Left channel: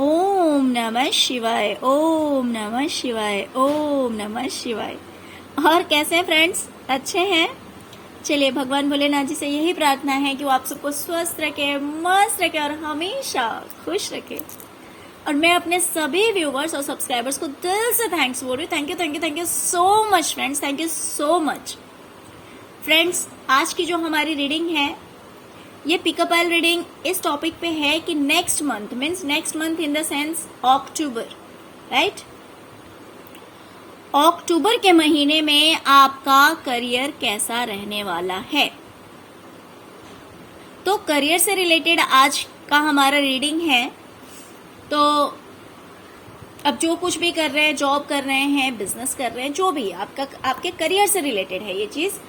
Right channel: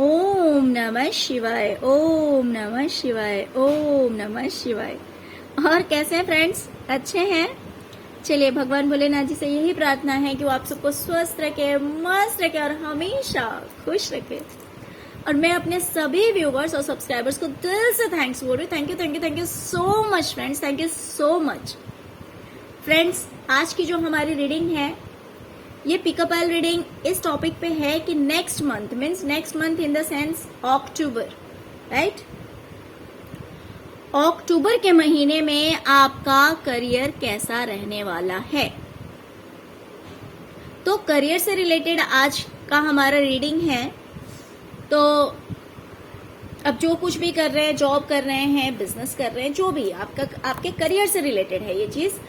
ओम नमः शिवाय, ओम नमः शिवाय, ओम नमः शिवाय। और कैसे हैं फ्रेंड्स? अच्छे हैं? चलिए, भगवान भोलेनाथ जी से यही प्रार्थना है कि वो आप सबको स्वस्थ रखे, मस्त रखे और हमेशा खुश रखे। और मैं अपने सभी व्यूवर्स और सब्सक्राइबर्स को दिल से थैंक्स बोल रही हूँ। Thank you thank you thank you so much friends, thank you so much friends. आज की जो हमारी रीडिंग है, ये पिकअप आइल रीडिंग इस टॉपिक पे है कि next month means next month in the sense October, right? October के महीने में आपका करियर कैसा रहने वाला है। तो करियर से रिलेटेड आज का हमारा रीडिंग है। तो अब जो कुछ भी कर रहे हैं, जॉब कर रहे हैं, बिजनेस कर रहे हैं, जो भी आपका आपके करियर से रिलेटेड है ये चीज,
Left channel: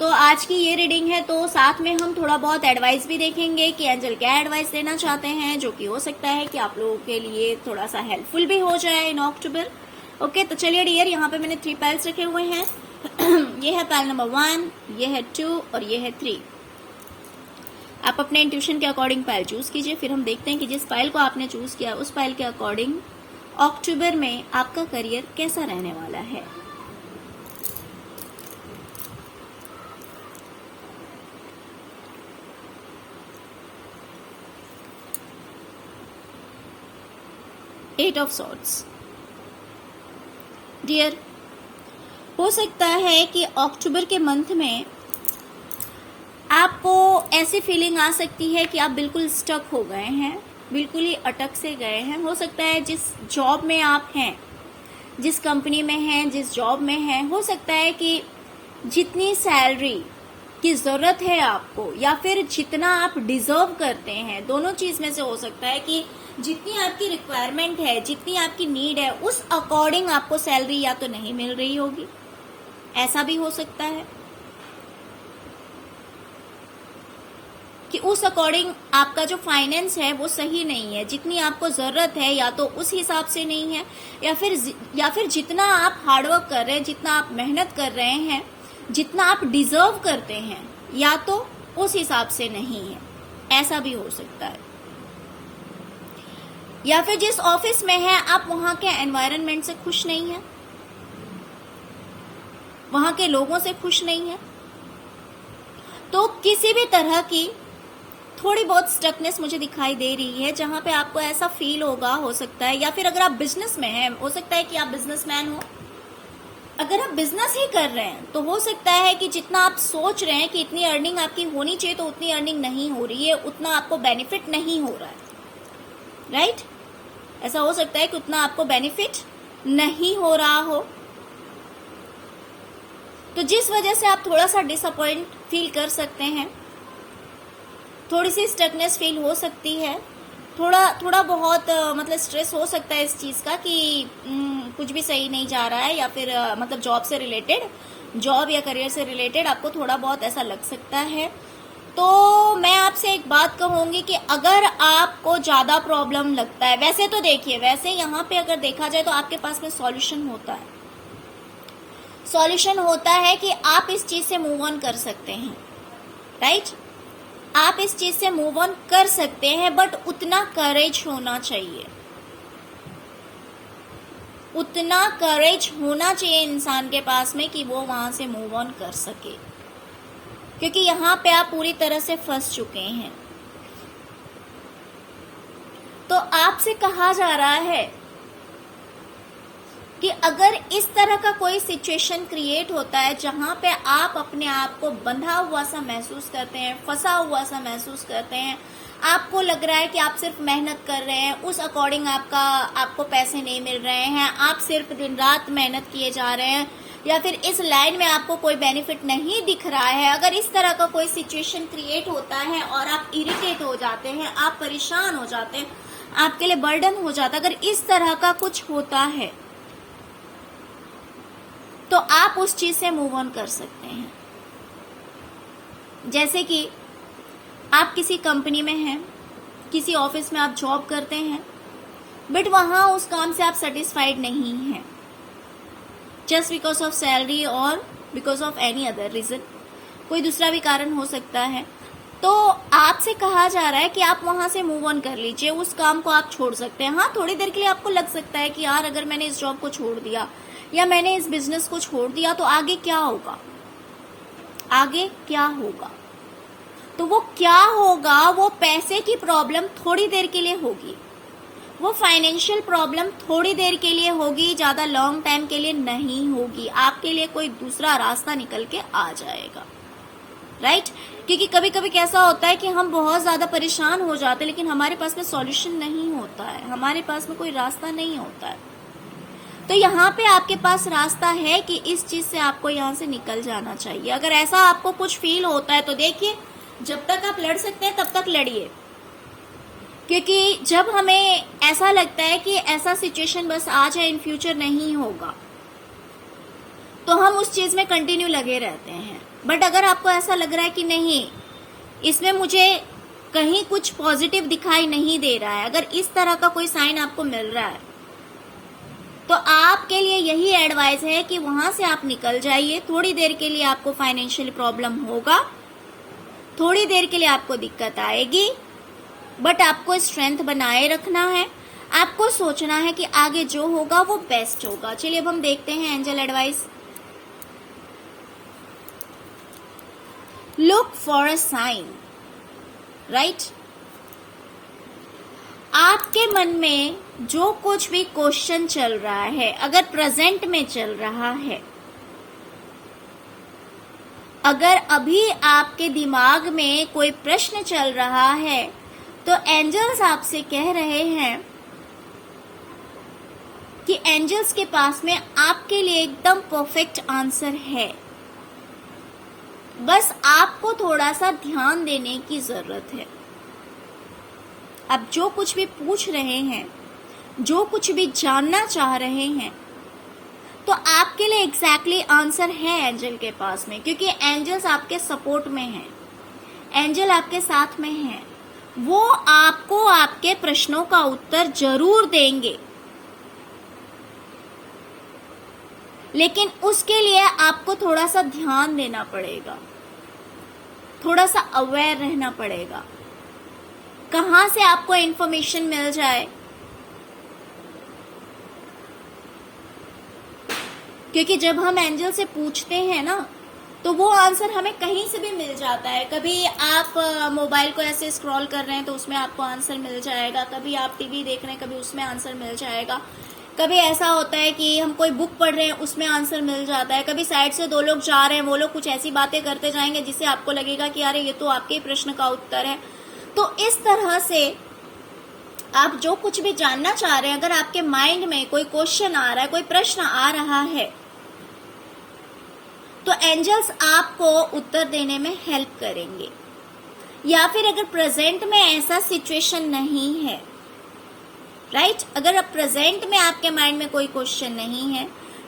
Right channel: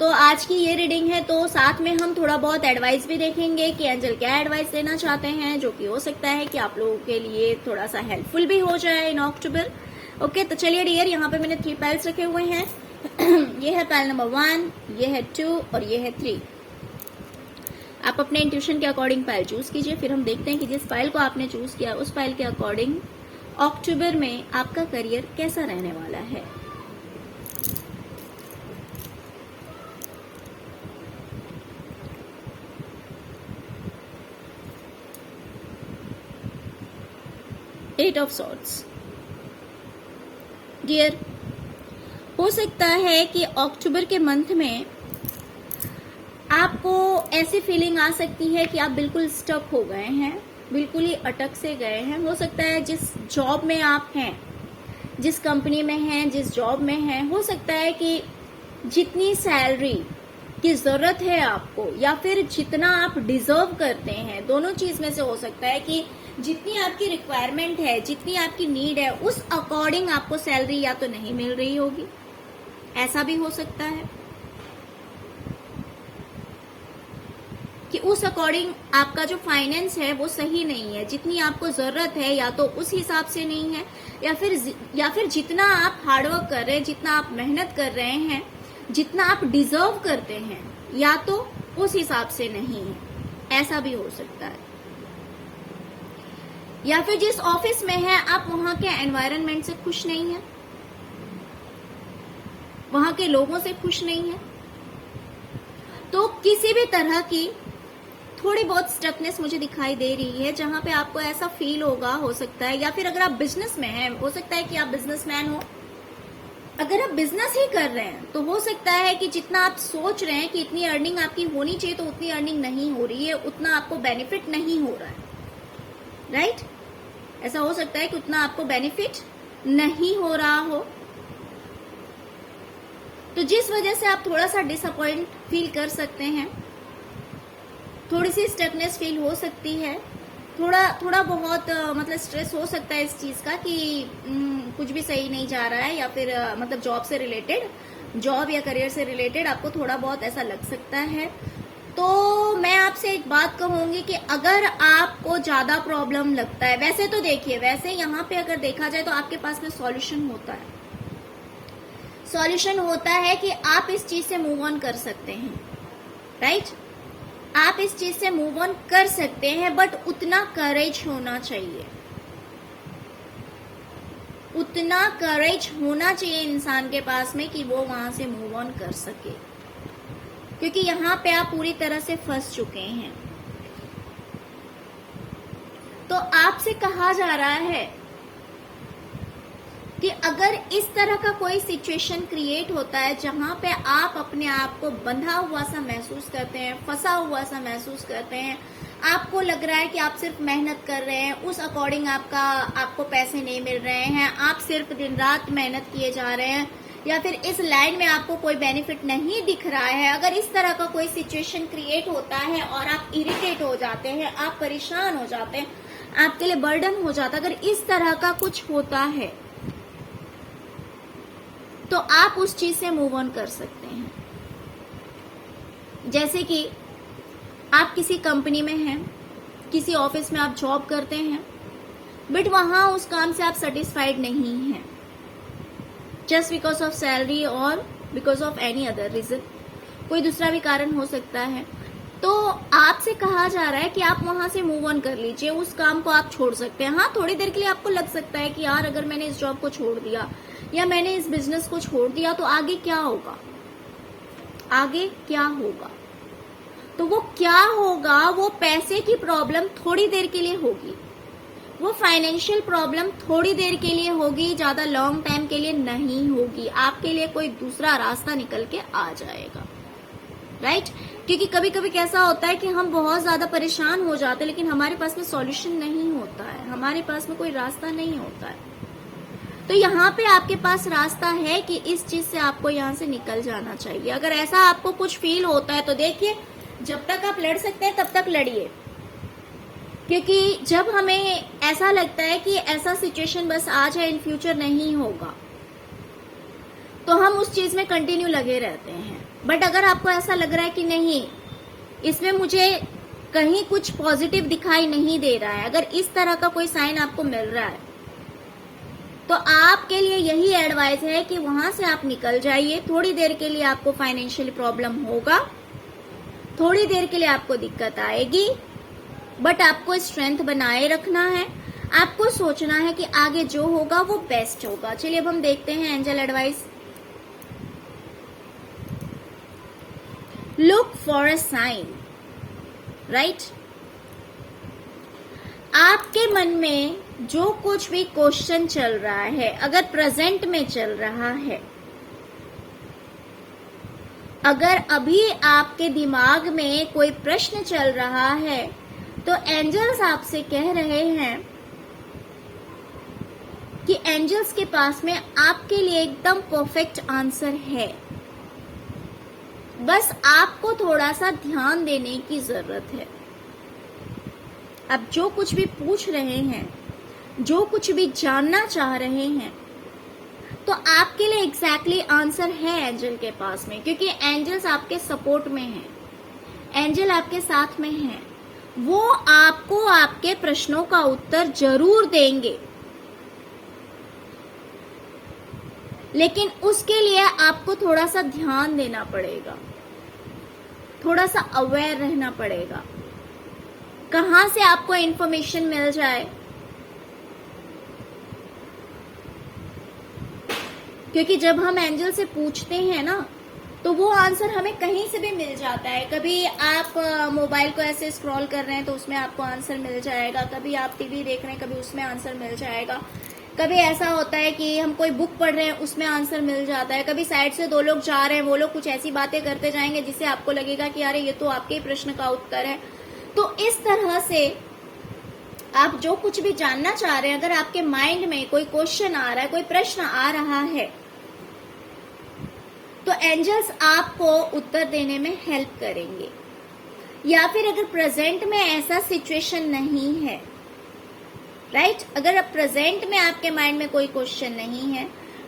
तो आज की ये रीडिंग है। तो साथ में हम थोड़ा बहुत एडवाइस भी देखेंगे कि एंजल क्या एडवाइस देना चाहते हैं, जो कि हो सकता है कि आप लोगों के लिए थोड़ा सा हेल्पफुल भी हो जाए इन अक्टूबर। ओके, तो चलिए डियर, यहाँ पे मैंने 3 पाइल्स रखे हुए हैं। ये है पाइल नंबर 1, ये है 2 और ये है 3। आप अपने इंट्यूशन के अकॉर्डिंग पाइल चूज कीजिए, फिर हम देखते हैं कि जिस पाइल को आपने चूज किया उस पाइल के अकॉर्डिंग अक्टूबर में आपका करियर कैसा रहने वाला है। Eight of swords. डियर, हो सकता है कि अक्टूबर के मंथ में आपको ऐसी फीलिंग आ सकती है कि आप बिल्कुल स्टक हो गए हैं, बिल्कुल ही अटक से गए हैं। हो सकता है जिस जॉब में आप हैं, जिस कंपनी में हैं, जिस जॉब में हैं, हो सकता है कि जितनी सैलरी की जरूरत है आपको या फिर जितना आप डिजर्व करते हैं, दोनों चीज में से हो सकता है कि जितनी आपकी रिक्वायरमेंट है, जितनी आपकी नीड है, उस अकॉर्डिंग आपको सैलरी या तो नहीं मिल रही होगी। ऐसा भी हो सकता है कि उस अकॉर्डिंग आपका जो फाइनेंस है वो सही नहीं है, जितनी आपको जरूरत है या तो उस हिसाब से नहीं है, या फिर जितना आप हार्डवर्क कर रहे हैं, जितना आप मेहनत कर रहे हैं, जितना आप डिजर्व करते हैं, या तो उस हिसाब से नहीं है। ऐसा भी हो सकता है। या फिर जिस ऑफिस में है आप वहां के एनवायरनमेंट से खुश नहीं है, वहां के लोगों से खुश नहीं है, तो किसी भी तरह की थोड़ी बहुत स्टकनेस मुझे दिखाई दे रही है, जहां पे आपको ऐसा फील होगा। हो सकता है, या फिर अगर आप बिजनेस में हैं, हो सकता है कि आप बिजनेसमैन हो। अगर आप बिजनेस ही कर रहे हैं तो हो सकता है कि जितना आप सोच रहे हैं कि इतनी अर्निंग आपकी होनी चाहिए, तो उतनी अर्निंग नहीं हो रही है, उतना आपको बेनिफिट नहीं हो रहा है, राइट? ऐसा हो सकता है कि उतना आपको बेनिफिट नहीं हो रहा हो, तो जिस वजह से आप थोड़ा सा डिसअपॉइंट फील कर सकते हैं, थोड़ी सी स्टकनेस फील हो सकती है, थोड़ा बहुत मतलब स्ट्रेस हो सकता है इस चीज का कि कुछ भी सही नहीं जा रहा है, या फिर मतलब जॉब से रिलेटेड, जॉब या करियर से रिलेटेड आपको थोड़ा बहुत ऐसा लग सकता है। तो मैं आपसे एक बात कहूंगी कि अगर आपको ज्यादा प्रॉब्लम लगता है, वैसे तो देखिए, वैसे यहाँ पे अगर देखा जाए तो आपके पास में सॉल्यूशन होता है। सॉल्यूशन होता है कि आप इस चीज से मूव ऑन कर सकते हैं, राइट? आप इस चीज से मूव ऑन कर सकते हैं, बट उतना करेज होना चाहिए, उतना करेज होना चाहिए इंसान के पास में कि वो वहां से मूव ऑन कर सके, क्योंकि यहाँ पे आप पूरी तरह से फंस चुके हैं। तो आपसे कहा जा रहा है कि अगर इस तरह का कोई सिचुएशन क्रिएट होता है जहां पे आप अपने आप को बंधा हुआ सा महसूस करते हैं, फंसा हुआ सा महसूस करते हैं, आपको लग रहा है कि आप सिर्फ मेहनत कर रहे हैं, उस अकॉर्डिंग आपको पैसे नहीं मिल रहे हैं, आप सिर्फ दिन रात मेहनत किए जा रहे हैं, या फिर इस लाइन में आपको कोई बेनिफिट नहीं दिख रहा है, अगर इस तरह का कोई सिचुएशन क्रिएट होता है और आप इरिटेट हो जाते हैं, आप परेशान हो जाते हैं, आपके लिए बर्डन हो जाता है, अगर इस तरह का कुछ होता है तो आप उस चीज से मूव ऑन कर सकते हैं। जैसे कि आप किसी कंपनी में हैं, किसी ऑफिस में आप जॉब करते हैं, बट वहां उस काम से आप सेटिस्फाइड नहीं हैं, जस्ट बिकॉज ऑफ सैलरी और because of any other reason, कोई दूसरा भी कारण हो सकता है। तो आपसे कहा जा रहा है कि आप वहां से मूव ऑन कर लीजिए, उस काम को आप छोड़ सकते हैं। हाँ, थोड़ी देर के लिए आपको लग सकता है कि यार अगर मैंने इस जॉब को छोड़ दिया या मैंने इस बिजनेस को छोड़ दिया तो आगे क्या होगा, आगे क्या होगा। तो वो क्या होगा, वो पैसे की प्रॉब्लम थोड़ी देर के लिए होगी, वो फाइनेंशियल प्रॉब्लम थोड़ी देर के लिए होगी, ज्यादा लॉन्ग टाइम के लिए नहीं होगी। आपके लिए कोई दूसरा रास्ता निकल के आ जाएगा, राइट। क्योंकि कभी कभी कैसा होता है कि हम बहुत ज्यादा परेशान हो जाते हैं लेकिन हमारे पास में सॉल्यूशन नहीं होता है, हमारे पास में कोई रास्ता नहीं होता है। तो यहाँ पे आपके पास रास्ता है कि इस चीज से आपको यहाँ से निकल जाना चाहिए। अगर ऐसा आपको कुछ फील होता है तो देखिए, जब तक आप लड़ सकते हैं तब तक लड़िए, क्योंकि जब हमें ऐसा लगता है कि ऐसा सिचुएशन बस आज है, इन फ्यूचर नहीं होगा, तो हम उस चीज में कंटिन्यू लगे रहते हैं। बट अगर आपको ऐसा लग रहा है कि नहीं, इसमें मुझे कहीं कुछ पॉजिटिव दिखाई नहीं दे रहा है, अगर इस तरह का कोई साइन आपको मिल रहा है, तो आपके लिए यही एडवाइस है कि वहां से आप निकल जाइए। थोड़ी देर के लिए आपको फाइनेंशियल प्रॉब्लम होगा, थोड़ी देर के लिए आपको दिक्कत आएगी, बट आपको स्ट्रेंथ बनाए रखना है, आपको सोचना है कि आगे जो होगा वो बेस्ट होगा। चलिए अब हम देखते हैं angel advice. Look for a sign, right. आपके मन में जो कुछ भी क्वेश्चन चल रहा है, अगर प्रेजेंट में चल रहा है, अगर अभी आपके दिमाग में कोई प्रश्न चल रहा है, तो एंजल्स आपसे कह रहे हैं कि एंजल्स के पास में आपके लिए एकदम परफेक्ट आंसर है, बस आपको थोड़ा सा ध्यान देने की जरूरत है। अब जो कुछ भी पूछ रहे हैं, जो कुछ भी जानना चाह रहे हैं, तो आपके लिए एग्जैक्टली आंसर है एंजल के पास में, क्योंकि एंजल्स आपके सपोर्ट में हैं, एंजल आपके साथ में हैं। वो आपको आपके प्रश्नों का उत्तर जरूर देंगे, लेकिन उसके लिए आपको थोड़ा सा ध्यान देना पड़ेगा, थोड़ा सा अवेयर रहना पड़ेगा। कहां से आपको इन्फॉर्मेशन मिल जाए, क्योंकि जब हम एंजल से पूछते हैं ना, तो वो आंसर हमें कहीं से भी मिल जाता है। कभी आप मोबाइल को ऐसे स्क्रॉल कर रहे हैं तो उसमें आपको आंसर मिल जाएगा, कभी आप टीवी देख रहे हैं, कभी उसमें आंसर मिल जाएगा, कभी ऐसा होता है कि हम कोई बुक पढ़ रहे हैं, उसमें आंसर मिल जाता है, कभी साइड से दो लोग जा रहे हैं, वो लोग कुछ ऐसी बातें करते जाएंगे जिससे आपको लगेगा कि अरे ये तो आपके ही प्रश्न का उत्तर है। तो इस तरह से आप जो कुछ भी जानना चाह रहे हैं, अगर आपके माइंड में कोई क्वेश्चन आ रहा है, कोई प्रश्न आ रहा है, तो एंजल्स आपको उत्तर देने में हेल्प करेंगे। या फिर अगर प्रेजेंट में ऐसा सिचुएशन नहीं है, राइट, अगर अब प्रेजेंट में आपके माइंड में कोई क्वेश्चन नहीं है,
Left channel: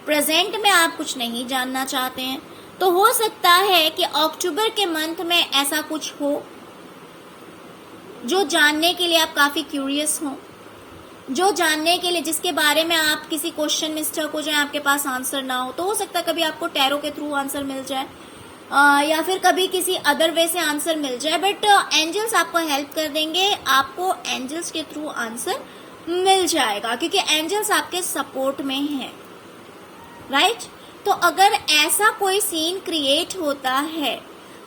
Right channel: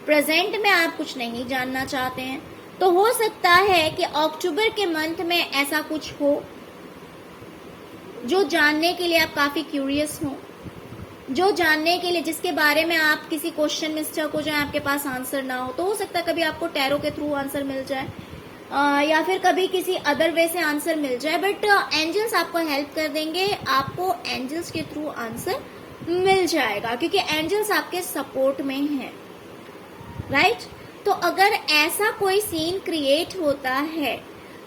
प्रेजेंट में आप कुछ नहीं जानना चाहते हैं, तो हो सकता है कि अक्टूबर के मंथ में ऐसा कुछ हो जो जानने के लिए आप काफी क्यूरियस हो, जो जानने के लिए जिसके बारे में आप किसी क्वेश्चन में स्टक हो जाए, आपके पास आंसर ना हो। तो हो सकता है कभी आपको टैरो के थ्रू आंसर मिल जाए, या फिर कभी किसी अदर वे से आंसर मिल जाए, बट एंजल्स आपको हेल्प कर देंगे, आपको एंजल्स के थ्रू आंसर मिल जाएगा, क्योंकि एंजल्स आपके सपोर्ट में हैं, राइट। तो अगर ऐसा कोई सीन क्रिएट होता है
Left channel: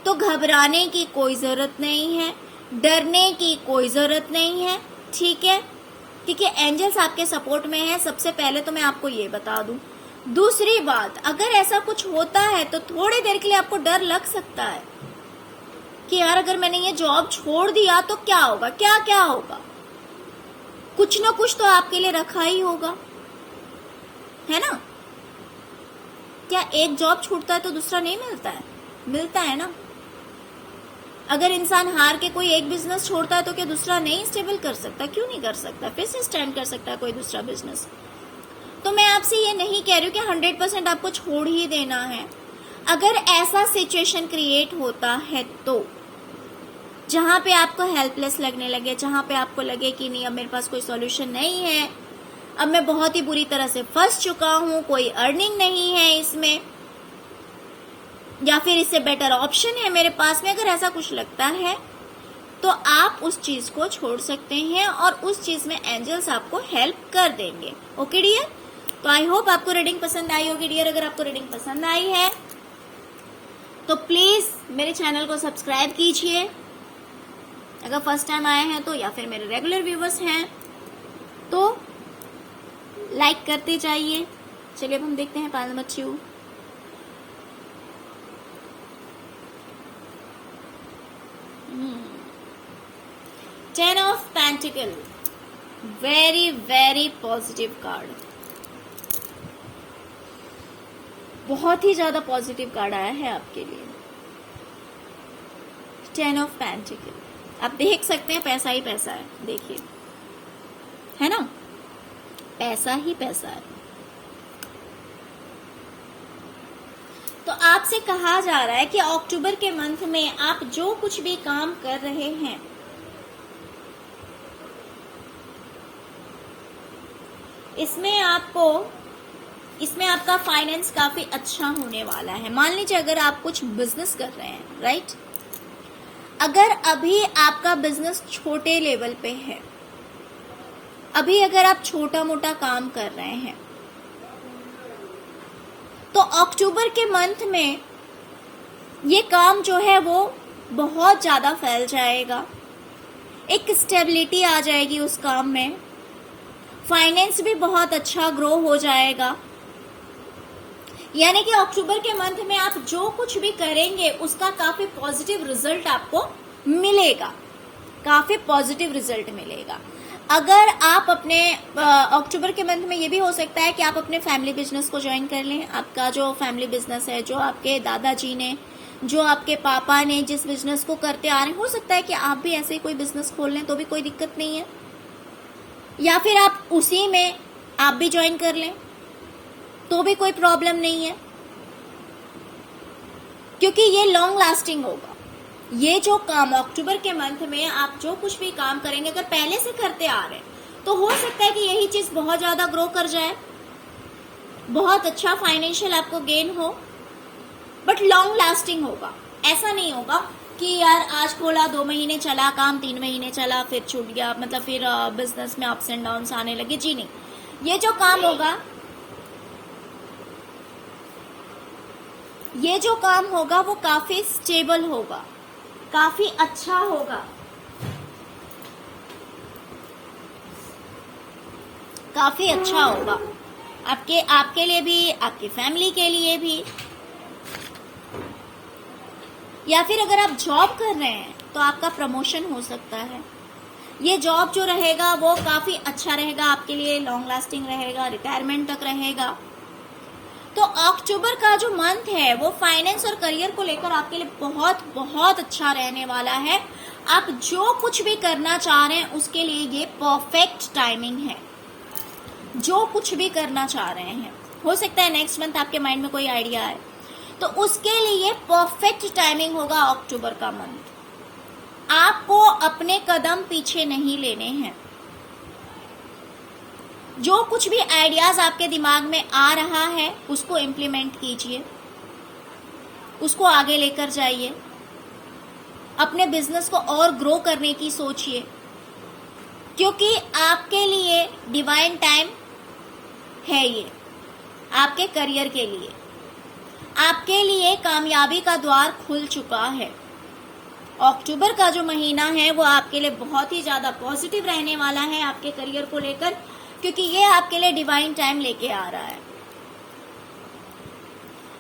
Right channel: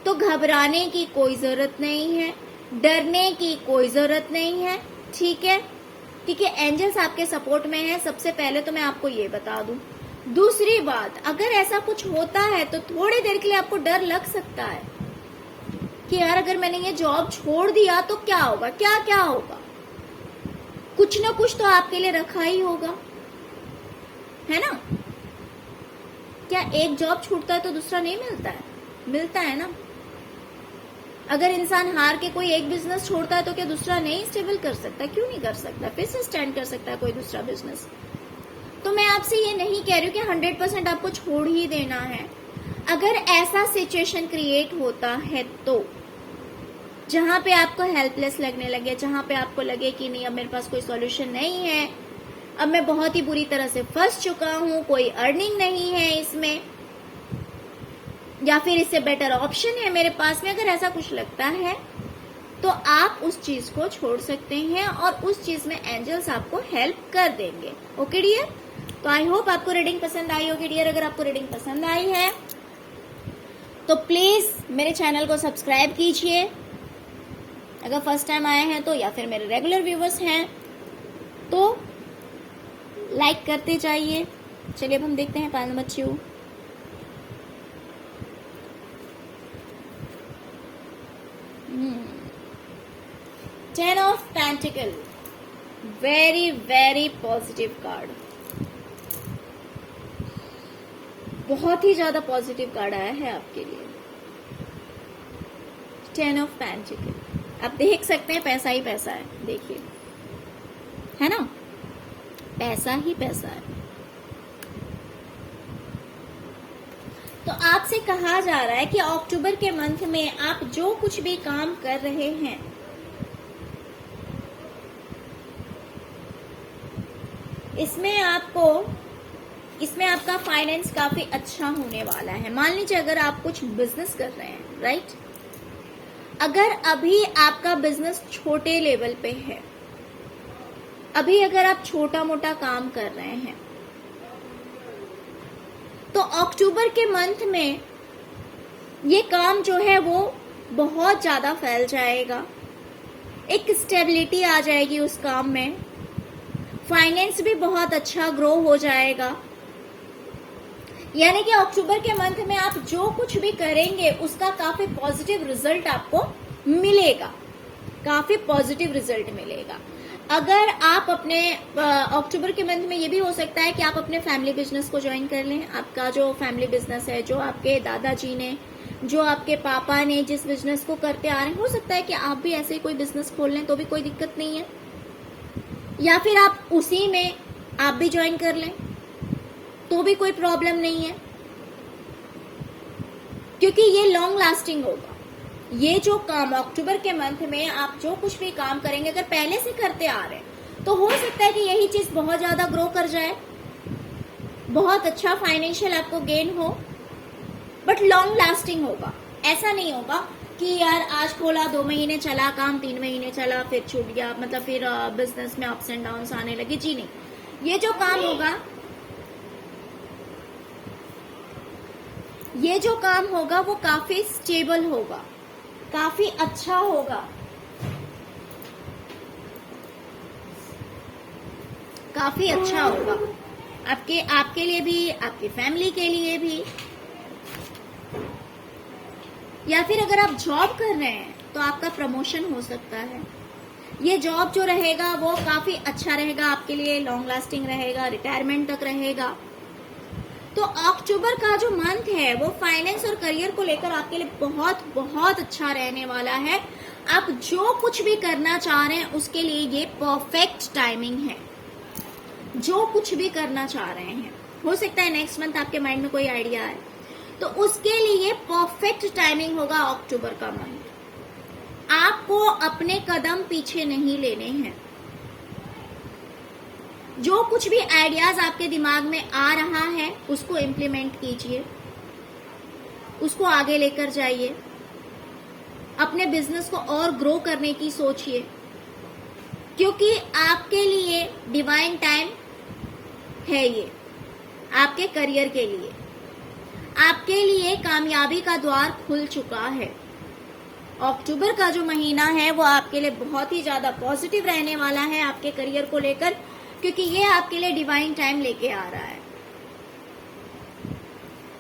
तो घबराने की कोई जरूरत नहीं है, डरने की कोई जरूरत नहीं है, ठीक है, क्योंकि एंजल्स आपके सपोर्ट में है। सबसे पहले तो मैं आपको ये बता दूं। दूसरी बात, अगर ऐसा कुछ होता है तो थोड़ी देर के लिए आपको डर लग सकता है कि यार अगर मैंने ये जॉब छोड़ दिया तो क्या होगा, क्या क्या होगा। कुछ ना कुछ तो आपके लिए रखा ही होगा, है ना। क्या एक जॉब छूटता है तो दूसरा नहीं मिलता है? मिलता है ना। अगर इंसान हार के कोई एक बिजनेस छोड़ता है तो क्या दूसरा नहीं स्टेबल कर सकता? क्यों नहीं कर सकता, फिर से स्टैंड कर सकता है कोई दूसरा बिजनेस। तो मैं आपसे ये नहीं कह रही हूँ कि 100% आपको छोड़ ही देना है। अगर ऐसा सिचुएशन क्रिएट होता है तो जहां पे आपको हेल्पलेस लगने लगे, जहां पे आपको लगे कि नहीं अब मेरे पास कोई सॉल्यूशन नहीं है, अब मैं बहुत ही बुरी तरह से फंस चुका हूं, कोई अर्निंग नहीं है इसमें, या फिर इससे बेटर ऑप्शन है मेरे पास में, अगर ऐसा कुछ लगता है तो आप उस चीज को छोड़ सकते हैं और उस चीज में एंजल्स आपको हेल्प कर देंगे। ओके डियर, तो आई होप आपको रीडिंग पसंद आई होगी डियर। अगर आपको रीडिंग पसंद आई है तो प्लीज मेरे चैनल को सब्सक्राइब कीजिए अगर फर्स्ट टाइम आए हैं तो, या फिर मेरे रेगुलर व्यूवर्स हैं तो लाइक करते जाइए। चलिए अब हम देखते हैं पाल number 2। Ten of pentacle, very very positive card, बहुत ही ज्यादा पॉजिटिव कार्ड आया है आपके लिए। टेन ऑफ पेंटिकल, आप देख सकते हैं पैसा ही पैसा है, देखिए है ना, पैसा ही पैसा है। तो आपसे कहा जा रहा है कि अक्टूबर के मंथ में आप जो कुछ भी काम कर रहे हैं इसमें आपका फाइनेंस काफी अच्छा होने वाला है। मान लीजिए अगर आप कुछ बिजनेस कर रहे हैं, राइट, अगर अभी आपका बिजनेस छोटे लेवल पे है, अभी अगर आप छोटा मोटा काम कर रहे हैं, तो अक्टूबर के मंथ में ये काम जो है वो बहुत ज्यादा फैल जाएगा, एक स्टेबिलिटी आ जाएगी उस काम में, फाइनेंस भी बहुत अच्छा ग्रो हो जाएगा। यानी कि अक्टूबर के मंथ में आप जो कुछ भी करेंगे उसका काफी पॉजिटिव रिजल्ट आपको मिलेगा, काफी पॉजिटिव रिजल्ट मिलेगा। अगर आप अपने अक्टूबर के मंथ में ये भी हो सकता है कि आप अपने फैमिली बिजनेस को ज्वाइन कर लें। आपका जो फैमिली बिजनेस है, जो आपके दादाजी ने, जो आपके पापा ने जिस बिजनेस को करते आ रहे हैं, हो सकता है कि आप भी ऐसे ही कोई बिजनेस खोल लें तो भी कोई दिक्कत नहीं है, या फिर आप उसी में आप भी ज्वाइन कर लें तो भी कोई प्रॉब्लम नहीं है, क्योंकि ये लॉन्ग लास्टिंग होगा। ये जो काम अक्टूबर के मंथ में आप जो कुछ भी काम करेंगे, अगर पहले से करते आ रहे हैं तो हो सकता है कि यही चीज बहुत ज्यादा ग्रो कर जाए, बहुत अच्छा फाइनेंशियल आपको गेन हो, बट लॉन्ग लास्टिंग होगा। ऐसा नहीं होगा कि यार आज खोला 2 महीने चला काम, 3 महीने चला फिर छूट गया, मतलब फिर बिजनेस में अप्स एंड डाउन्स आने लगे। जी नहीं, ये जो काम होगा, ये जो काम होगा वो काफी स्टेबल होगा, काफी अच्छा होगा, काफी अच्छा होगा आपके लिए भी, आपकी फैमिली के लिए भी। या फिर अगर आप जॉब कर रहे हैं तो आपका प्रमोशन हो सकता है। ये जॉब जो रहेगा वो काफी अच्छा रहेगा आपके लिए, लॉन्ग लास्टिंग रहेगा, रिटायरमेंट तक रहेगा। तो अक्टूबर का जो मंथ है वो फाइनेंस और करियर को लेकर आपके लिए बहुत बहुत अच्छा रहने वाला है। आप जो कुछ भी करना चाह रहे हैं उसके लिए ये परफेक्ट टाइमिंग है। जो कुछ भी करना चाह रहे हैं, हो सकता है नेक्स्ट मंथ आपके माइंड में कोई आइडिया आए, तो उसके लिए परफेक्ट टाइमिंग होगा अक्टूबर का मंथ। आपको अपने कदम पीछे नहीं लेने हैं। जो कुछ भी आइडियाज आपके दिमाग में आ रहा है उसको इम्प्लीमेंट कीजिए, उसको आगे लेकर जाइए, अपने बिजनेस को और ग्रो करने की सोचिए, क्योंकि आपके लिए डिवाइन टाइम है। ये आपके करियर के लिए, आपके लिए कामयाबी का द्वार खुल चुका है। अक्टूबर का जो महीना है वो आपके लिए बहुत ही ज्यादा पॉजिटिव रहने वाला है आपके करियर को लेकर, क्योंकि ये आपके लिए डिवाइन टाइम लेके आ रहा है।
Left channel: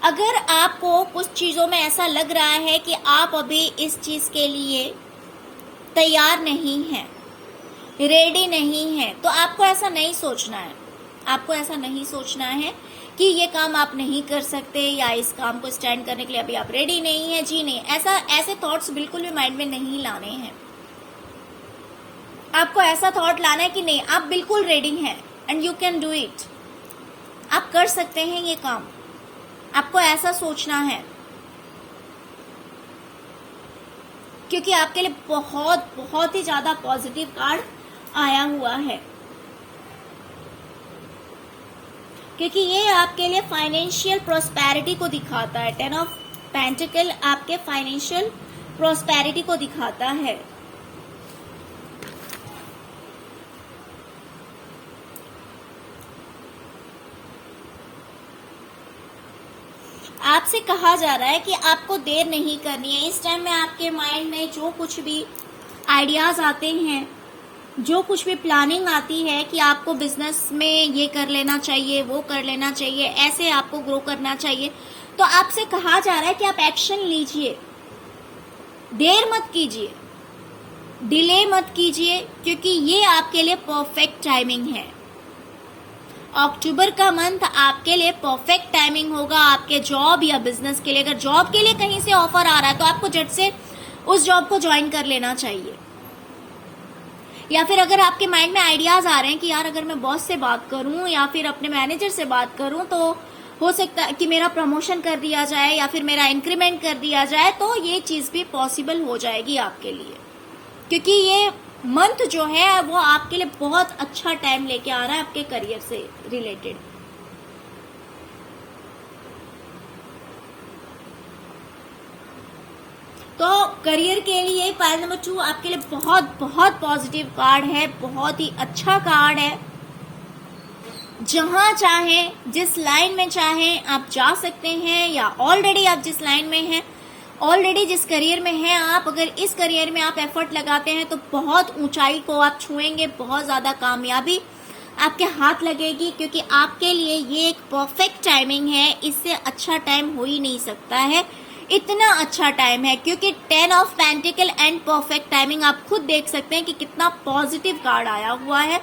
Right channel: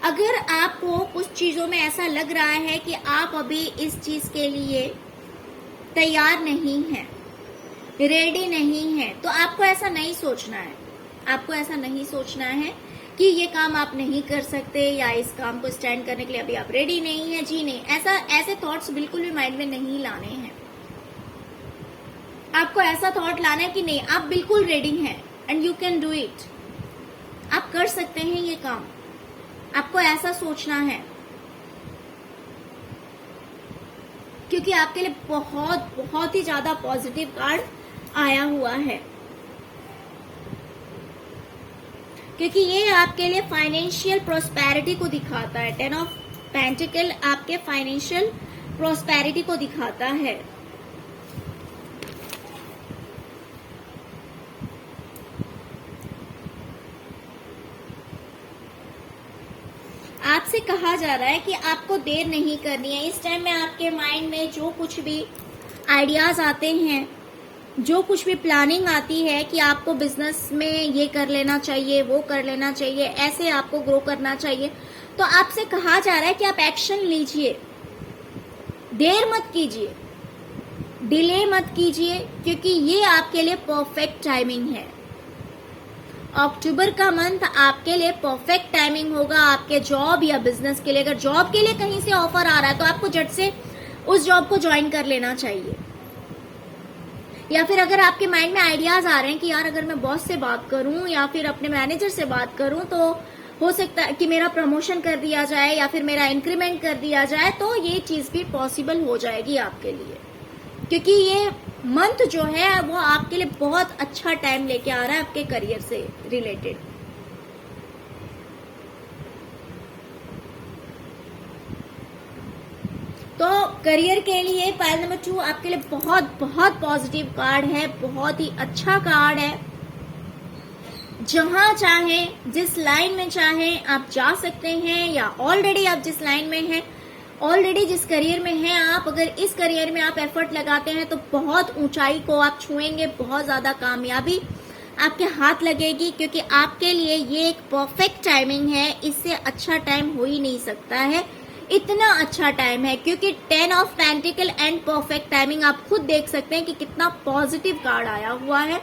अगर आपको कुछ चीजों में ऐसा लग रहा है कि आप अभी इस चीज के लिए तैयार नहीं हैं, रेडी नहीं है, तो आपको ऐसा नहीं सोचना है। आपको ऐसा नहीं सोचना है कि ये काम आप नहीं कर सकते या इस काम को स्टैंड करने के लिए अभी आप रेडी नहीं है। जी नहीं, ऐसे थॉट्स बिल्कुल भी माइंड में नहीं लाने हैं। आपको ऐसा थॉट लाना है कि नहीं, आप बिल्कुल रेडी हैं and you can do it. आप कर सकते हैं ये काम, आपको ऐसा सोचना है, क्योंकि आपके लिए बहुत बहुत ही ज्यादा पॉजिटिव कार्ड आया हुआ है, क्योंकि ये आपके लिए फाइनेंशियल प्रोस्पेरिटी को दिखाता है। 10 ऑफ पेंटिकल आपके फाइनेंशियल प्रोस्पेरिटी को दिखाता है। आपसे कहा जा रहा है कि आपको देर नहीं करनी है। इस टाइम में आपके माइंड में जो कुछ भी आइडियाज आते हैं, जो कुछ भी प्लानिंग आती है कि आपको बिजनेस में ये कर लेना चाहिए, वो कर लेना चाहिए, ऐसे आपको ग्रो करना चाहिए, तो आपसे कहा जा रहा है कि आप एक्शन लीजिए, देर मत कीजिए, डिले मत कीजिए, क्योंकि ये आपके लिए परफेक्ट टाइमिंग है। अक्टूबर का मंथ आपके लिए परफेक्ट टाइमिंग होगा आपके जॉब या बिजनेस के लिए। अगर जॉब के लिए कहीं से ऑफर आ रहा है तो आपको झट से उस जॉब को ज्वाइन कर लेना चाहिए। या फिर अगर आपके माइंड में आइडियाज आ रहे हैं कि यार अगर मैं बॉस से बात करूं या फिर अपने मैनेजर से बात करूं तो हो सकता है कि मेरा प्रमोशन कर दिया जाए या फिर मेरा इंक्रीमेंट कर दिया जाए, तो ये चीज भी पॉसिबल हो जाएगी आपके लिए, क्योंकि ये मंथ जो है वो आपके लिए बहुत अच्छा टाइम लेके आ रहा है आपके करियर से रिलेटेड। तो करियर के लिए पाइल नंबर 2 आपके लिए बहुत बहुत पॉजिटिव कार्ड है, बहुत ही अच्छा कार्ड है। जहां चाहे, जिस लाइन में चाहे आप जा सकते हैं, या ऑलरेडी आप जिस लाइन में हैं, ऑलरेडी जिस करियर में हैं आप, अगर इस करियर में आप एफर्ट लगाते हैं तो बहुत ऊंचाई को आप छुएंगे, बहुत ज्यादा कामयाबी आपके हाथ लगेगी, क्योंकि आपके लिए ये एक परफेक्ट टाइमिंग है। इससे अच्छा टाइम हो ही नहीं सकता है, इतना अच्छा टाइम है, क्योंकि 10 of pentacle and perfect timing आप खुद देख सकते हैं कि कितना पॉजिटिव कार्ड आया हुआ है।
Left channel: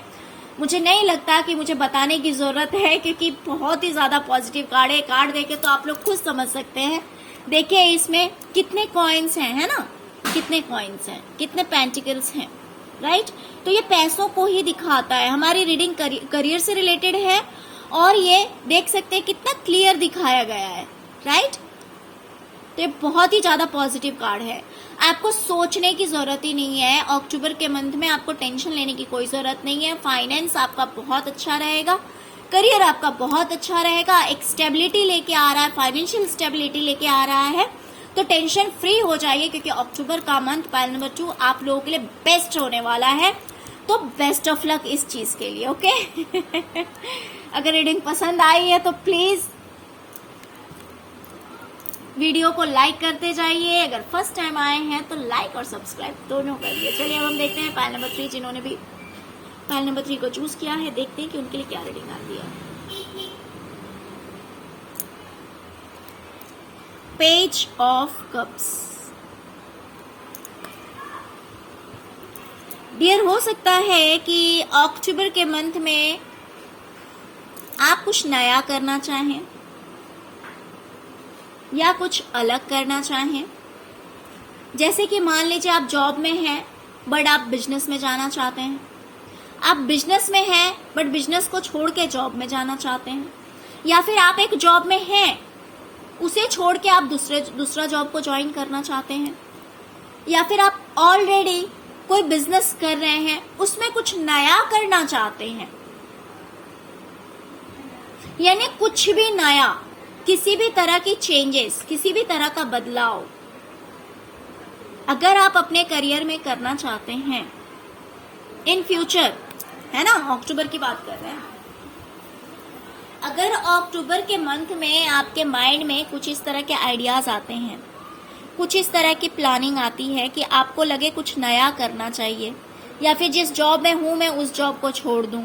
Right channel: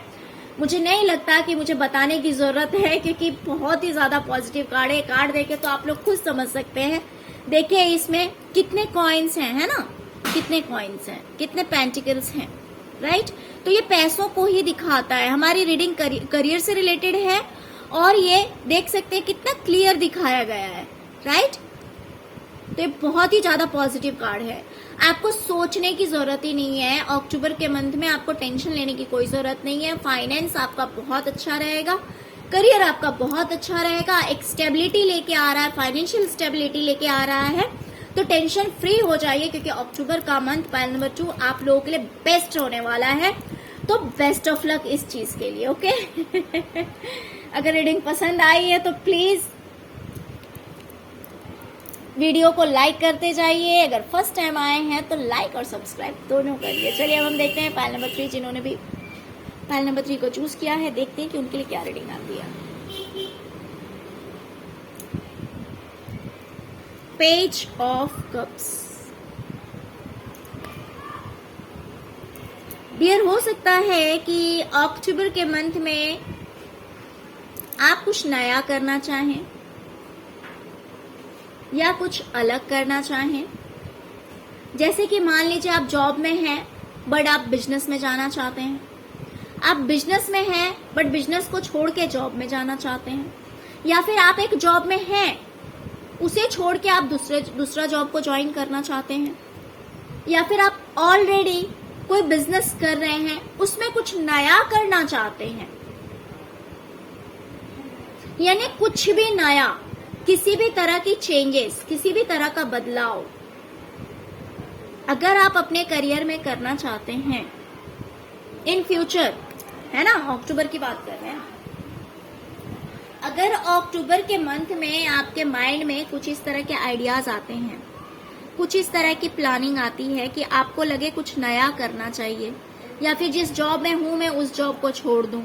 मुझे नहीं लगता कि मुझे बताने की जरूरत है, क्योंकि बहुत ही ज्यादा पॉजिटिव कार्ड है। कार्ड देखे तो आप लोग खुद समझ सकते हैं। देखिए इसमें कितने कॉइन्स हैं, है ना, कितने कॉइन्स हैं, कितने पेंटिकल्स हैं, राइट। तो ये पैसों को ही दिखाता है। हमारी रीडिंग करियर से रिलेटेड है, और ये देख सकते हैं कितना क्लियर दिखाया गया है, राइट। तो ये बहुत ही ज्यादा पॉजिटिव कार्ड है। आपको सोचने की जरूरत ही नहीं है। अक्टूबर के मंथ में आपको टेंशन लेने की कोई जरूरत नहीं है। फाइनेंस आपका बहुत अच्छा रहेगा, करियर आपका बहुत अच्छा रहेगा, एक स्टेबिलिटी लेके आ रहा है, फाइनेंशियल स्टेबिलिटी लेके आ रहा है। तो टेंशन फ्री हो जाइए, क्योंकि अक्टूबर का मंथ पाइल नंबर 2 आप लोगों के लिए बेस्ट होने वाला है। तो बेस्ट ऑफ लक इस चीज के लिए, ओके। अगर रीडिंग पसंद आई है तो प्लीज वीडियो को लाइक करते जाइए। अगर फर्स्ट टाइम आए हैं तो लाइक और सब्सक्राइब दोनों करिए। चलिए अब हम देखते हैं पाइल नंबर 3, जिन्होंने भी पाइल नंबर 3 को चूज किया है, देखते हैं कि उनके लिए क्या रीडिंग आती है। Page of cups. डियर, हो सकता है कि अक्टूबर के मंथ में आप कुछ नया करना चाहें या कुछ अलग करना चाहें। जैसे कि मान लीजिए आप जॉब में हैं बट आप बिजनेस में जाना चाहते हैं, आप बिजनेस में हैं बट बिजनेस को छोड़ के जॉब में जाना चाहते हैं, या फिर आप एक जॉब में हैं उसे छोड़ के आप दूसरा जॉब को ज्वाइन करना चाहते हैं, या फिर आप ऑलरेडी कोई बिजनेस कर रहे हैं उसमें कुछ नया करना चाहते हैं, यानी कुछ भी नया, किसी भी तरह की चेंजेस, किसी भी तरह का बदलाव अगर आप अपने करियर में करना चाहते हैं इन फ्यूचर, है ना, अक्टूबर की बात कर रहे हैं। अगर अक्टूबर के मंथ में आपके माइंड में कुछ इस तरह के आइडियाज आते हैं, कुछ इस तरह की प्लानिंग आती है कि आपको लगे कुछ नया करना चाहिए, या फिर जिस जॉब में हूं मैं उस जॉब को छोड़ दूं,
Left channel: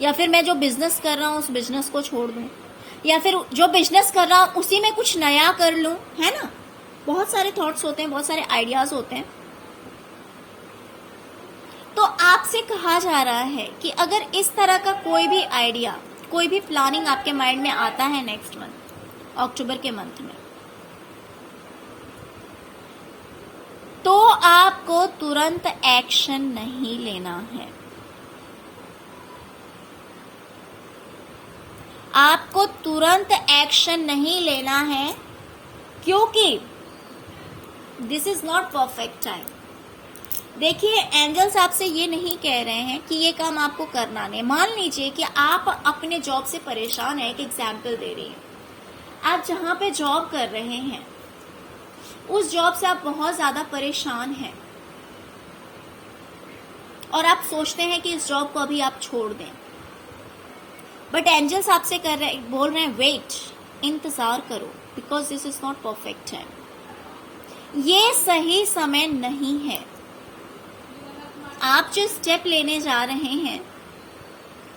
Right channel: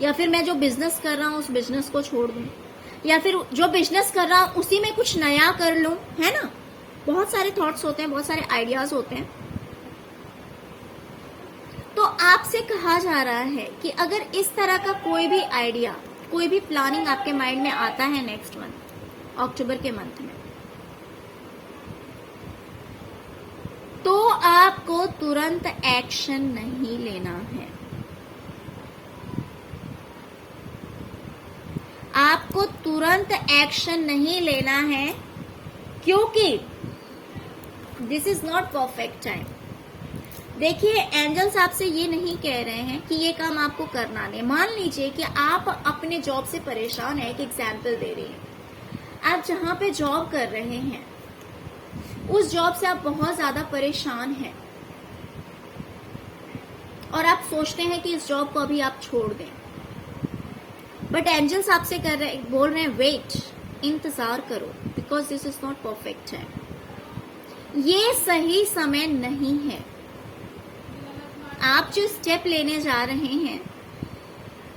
या फिर मैं जो बिजनेस कर रहा हूं उस बिजनेस को छोड़ दूं, या फिर जो बिजनेस कर रहा हूं उसी में कुछ नया कर लूं, है ना। बहुत सारे थॉट्स होते हैं, बहुत सारे आइडियाज होते हैं। तो आपसे कहा जा रहा है कि अगर इस तरह का कोई भी आइडिया, कोई भी प्लानिंग आपके माइंड में आता है नेक्स्ट मंथ, अक्टूबर के मंथ में, तो आपको तुरंत एक्शन नहीं लेना है। आपको तुरंत एक्शन नहीं लेना है, क्योंकि this is not perfect time. देखिए, एंजल्स आपसे ये नहीं कह रहे हैं कि ये काम आपको करना नहीं। मान लीजिए कि आप अपने जॉब से परेशान है, एक एग्जाम्पल दे रही हैं। आप जहां पे जॉब कर रहे हैं उस जॉब से आप बहुत ज्यादा परेशान हैं और आप सोचते हैं कि इस जॉब को अभी आप छोड़ दें, बट एंजल्स आपसे बोल रहे हैं वेट, इंतजार करो, because this is not perfect time. ये सही समय नहीं है। आप जो स्टेप लेने जा रहे हैं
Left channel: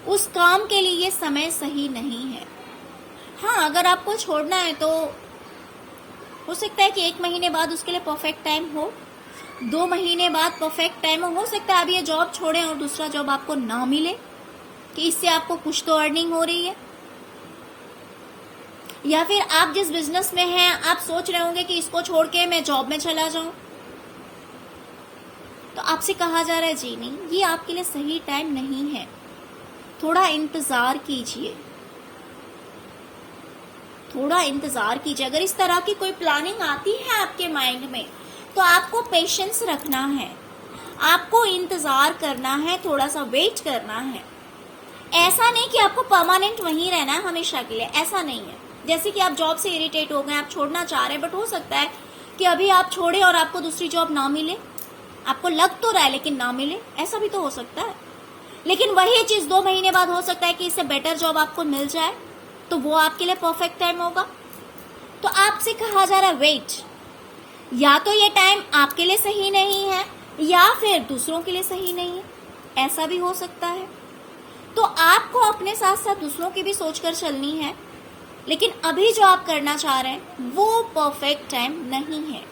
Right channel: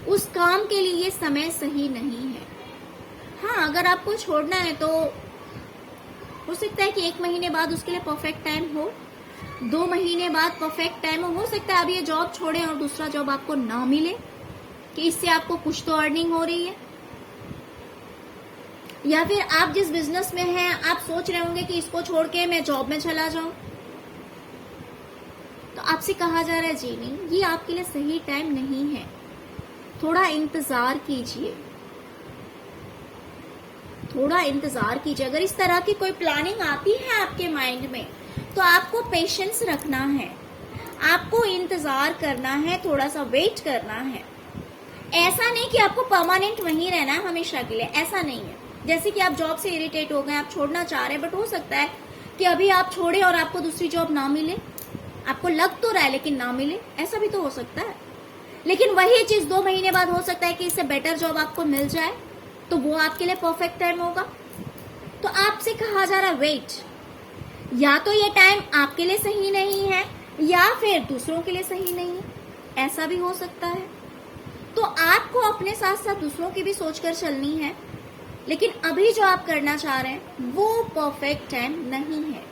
उस काम के लिए ये समय सही नहीं है। हाँ, अगर आपको छोड़ना है तो हो सकता है कि 1 महीने बाद उसके लिए परफेक्ट टाइम हो, 2 महीने बाद परफेक्ट टाइम हो सकता है आप ये जॉब छोड़ें और दूसरा जॉब आपको ना मिले, कि इससे आपको कुछ तो अर्निंग हो रही है। या फिर आप जिस बिजनेस में हैं आप सोच रहे होंगे कि इसको छोड़ के मैं जॉब में चला जाऊं, तो आपसे कहा जा रहा है जी नहीं, ये आपके लिए सही टाइम नहीं है, थोड़ा इंतजार कीजिए, थोड़ा इंतजार कीजिए। अगर इस तरह की कोई प्लानिंग आती है आपके माइंड में तो आपको पेशेंस रखना है, आपको इंतजार करना है, थोड़ा सा वेट करना है। ऐसा नहीं कि आपको परमानेंट वहीं रहना है हमेशा के लिए, ऐसा नहीं है। जैसे कि आप जॉब से इरिटेट हो गए, आप छोड़ना चाह रहे हैं, बट हो सकता है कि अभी आप छोड़े और आपको दूसरी जॉब ना मिले, आपको लग तो रहा है लेकिन ना मिले, ऐसा भी तो हो सकता है। लेकिन वही चीज 2 महीने बाद हो सकता है कि इससे बेटर जॉब आपको मिल जाए, तो वो आपके लिए परफेक्ट टाइम होगा। तो आपसे कहा जा रहा है वेट, या तो ये टाइम आपके लिए सही नहीं है या फिर दूसरों के लिए सही नहीं है, ऐसा भी हो सकता है। तो आपको अपने साथ साथ दूसरों की भी सोचकर चलनी है, लेकिन अभी जो आप करना चाह रहे हैं वो परफेक्ट टाइम नहीं है।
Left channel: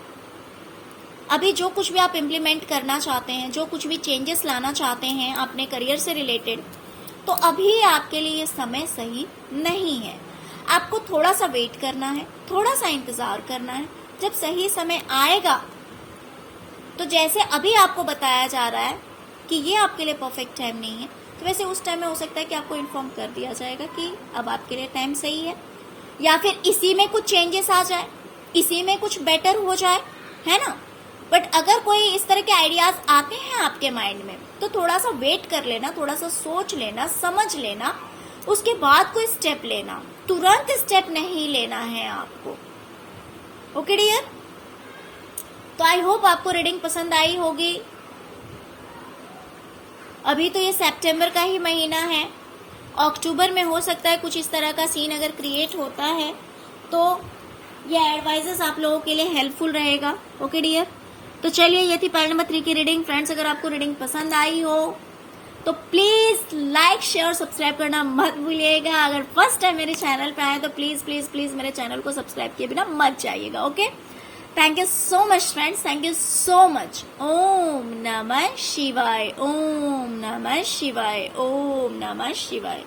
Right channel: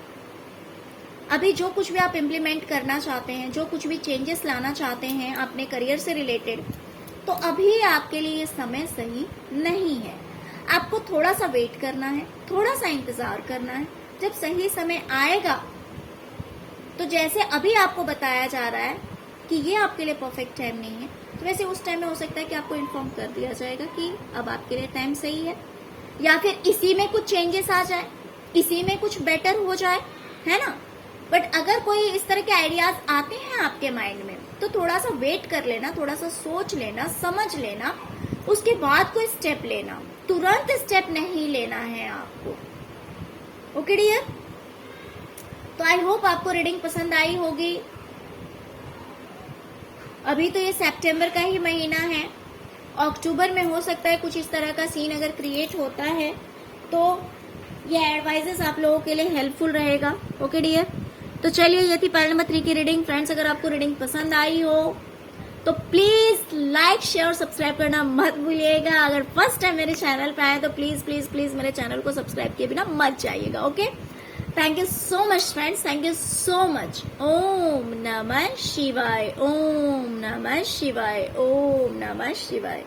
अभी जो कुछ भी आप इम्प्लीमेंट करना चाहते हैं, जो कुछ भी चेंजेस लाना चाहते हैं अपने करियर से रिलेटेड, तो अभी आपके लिए ये समय सही नहीं है। आपको थोड़ा सा वेट करना है, थोड़ा सा इंतजार करना है। जब सही समय आएगा तो जैसे अभी आपको बताया जा रहा है कि ये आपके लिए परफेक्ट टाइम नहीं है, तो वैसे उस टाइम में हो सकता है कि आपको इन्फॉर्म कर दिया जाएगा कि अब आपके लिए टाइम सही है, या फिर इसी में कुछ चेंजेस आ जाए, इसी में कुछ बेटर हो जाए, है ना। बट अगर कोई इस तरह के आइडियाज आते हैं आपके माइंड में तो थोड़ा सा वेट कर लेना, थोड़ा सा सोच लेना, समझ लेना, उसके बाद कोई स्टेप लेना, तुरंत स्टेप नहीं लेना है आपको। ओके डियर, तो आई होप आपको रीडिंग पसंद आई होगी। अभी तो ये सितंबर का ही महीना है, अक्टूबर में हो सकता है कुछ इस तरह का सीन अगर क्रिएट होता है तो ये एडवाइजेस आप लोगों के लिए हेल्पफुल रहेगा। ओके डियर, तो चलिए ये थी पार्ट नंबर 3 की रीडिंग। फ्रेंड्स, अगर आपको रीडिंग पसंद आई हो तो प्लीज लाइक शेयर और सब्सक्राइब करना मत भूलिएगा। अगर फर्स्ट टाइम मेरे चैनल पर आए तो प्लीज प्लीज प्लीज मेरे चैनल को सब्सक्राइब किए बिना मत जाइएगा। Okay, thank you so much friends, thank you so much. ओम नमः शिवाय, ओम नमः शिवाय, ओम नमः शिवाय।